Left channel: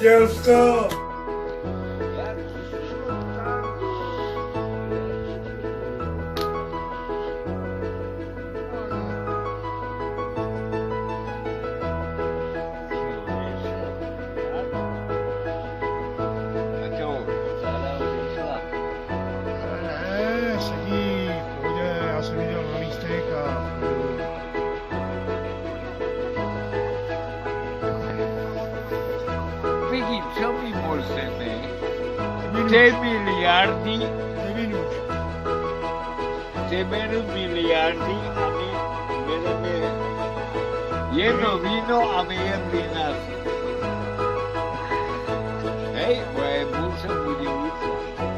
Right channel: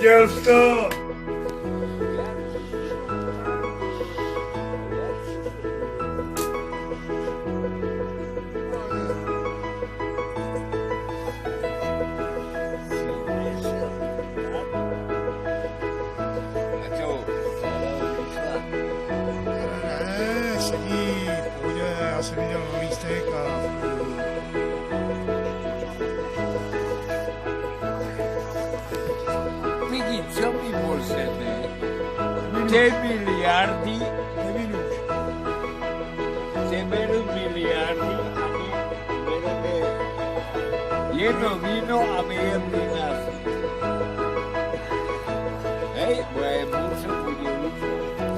Viděl jsi to? A co? Ne, sedí v pohodě, já jsem viděl na lístek a v klidu. Peki, co my můžeme? Nevím, Ty miliardy, nevím už. ty berou miliardy a my bereme jedno víno a my jem vínář. Hej, moje muže bude více.